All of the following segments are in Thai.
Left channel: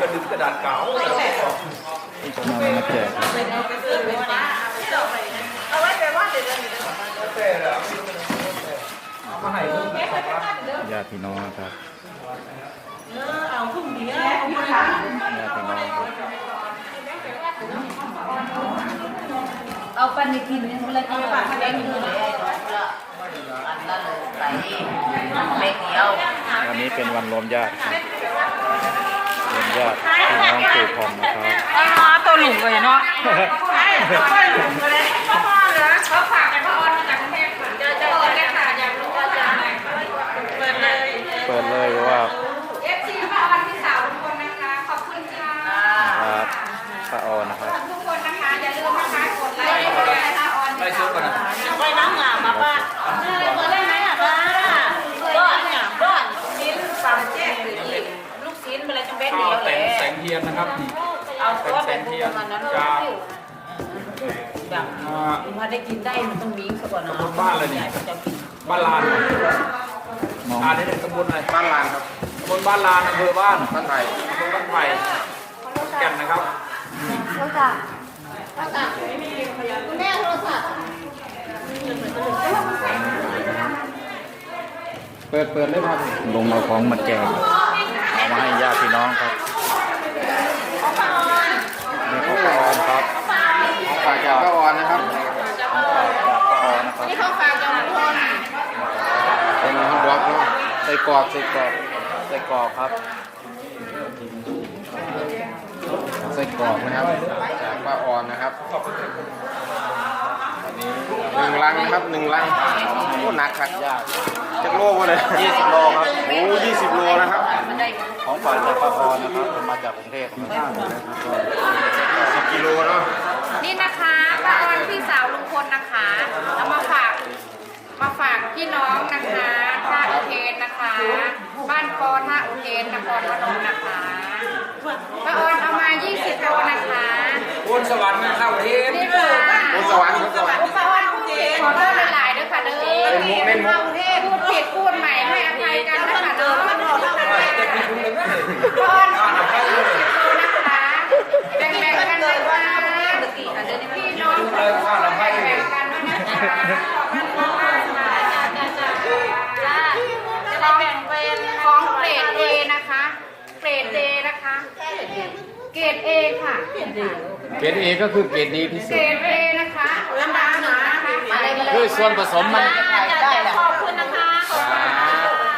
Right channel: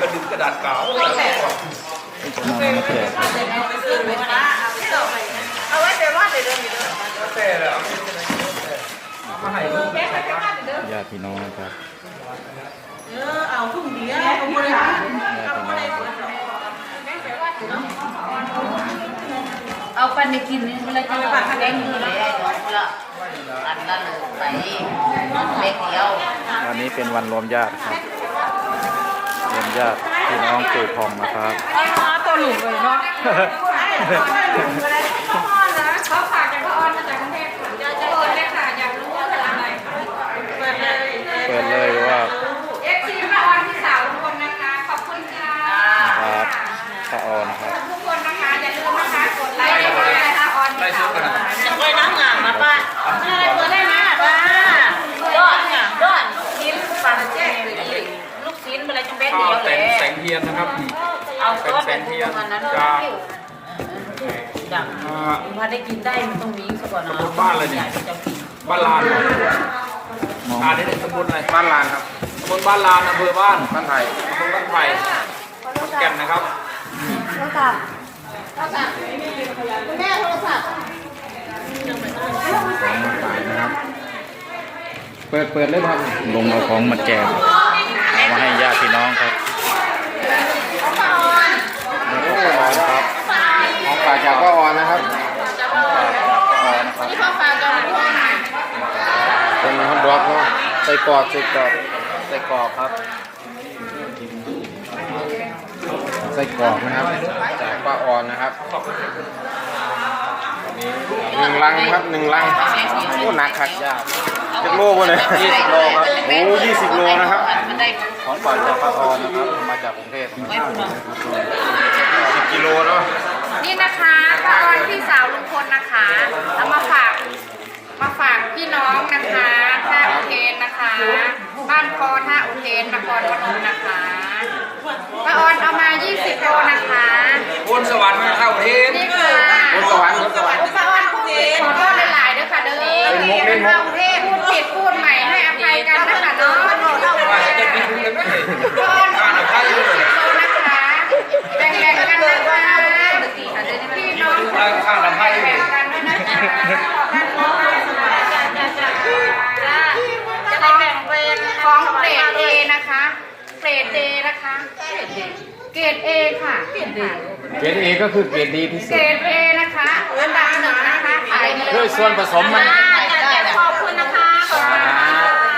กระดึงกระดาษขาวมาแจกเอาไว้เป็นว่าเดี๋ยวเดินไปเดินมาให้ลูกญาติพี่น้องครับ เออ เอาทุ่งเดียวเอาบริการญาติพน้งเอาปันในกินนี่เลยปากแข็อันนั้นไปไม่เที่ยววันนี้เป็นวันรวมญาติครับญาตพี่น้องปู่พรมนะครับอ๋อตัวหลุมเลยเนาะเปิดเลยว่าเอฟซีมาออนที่สาวทุกคนนะคะ ขอบคุณค่ะครับพระออนนะครับทียนนะครับเป็นแสงเทียนจากพอได้กินได้ตรงนี้สะกดนะตะบนบ้านอะไรนี่บ้านลานมออ่านได้ในตะบนอะไรบ้านลานครับตะบนบ้านลานอำเภอบ้านบ้านไผ่บ้านไผ่แก่นนะครับเปิดเปิดเลยครับลงเอาของมาแจกเอามาให้ญาติพี่น้องครับใส่กรอบใส่กรอบใส่กรอบครับใส่กรอบนะครับปลาอ่อนนะครับหนึ่งลังครับหนึ่งลังนี่หนักขัดยากจะโลกเลยยี่สิบโลครับโอ้ยยี่สิบโลนะครับของฝาจากปลาอ่อนนะครับมาจากกรุงเทพขของ้าวนะครับสิบกิโลเนาะนี่นะคะปลาอ่อนพี่สาวลุงพลนะคะเอามาฝากมาฝากพี่น้องนะคะ ท่าอุเทนนะคะ บ้านคอท่าอุเทนนครพนมนะคะพระออนเอามา 20โลนะคะพุ่นสวรรค์มาเข้าเทนนี่ค่ะพุ่สวัสด์พระออนพขอโทษหลายๆด้วยค่ะเด้อเป็นพระอเทนพูดผิดพูดใหม่ให้อภัยกันนะคะเนาะพระออนแบ่งกันนะคะพี่น้องแบ่งกันนะคะเกรดเดนะคะ เกรดเอค่ะ เกรดเอก็คือเกรดดีพิเศษเกรดเอนะคะอันดับหนึ่งนะคะ ขายดีด้วยส่วนผสมมัน ขอบคุณนะคะ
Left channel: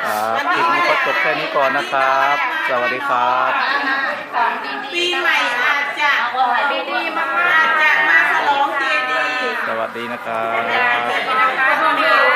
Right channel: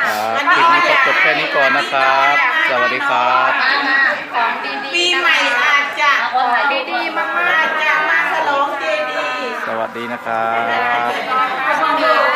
ขอบคุณคะคลิปนี้จบแค่นี้ก่อนนะครับ สวัสดีครับของดีๆปีใหม่อาจจะดีๆมากๆจะมาฉลองเดีสวัสดีนะครับสวัสดีนะคะ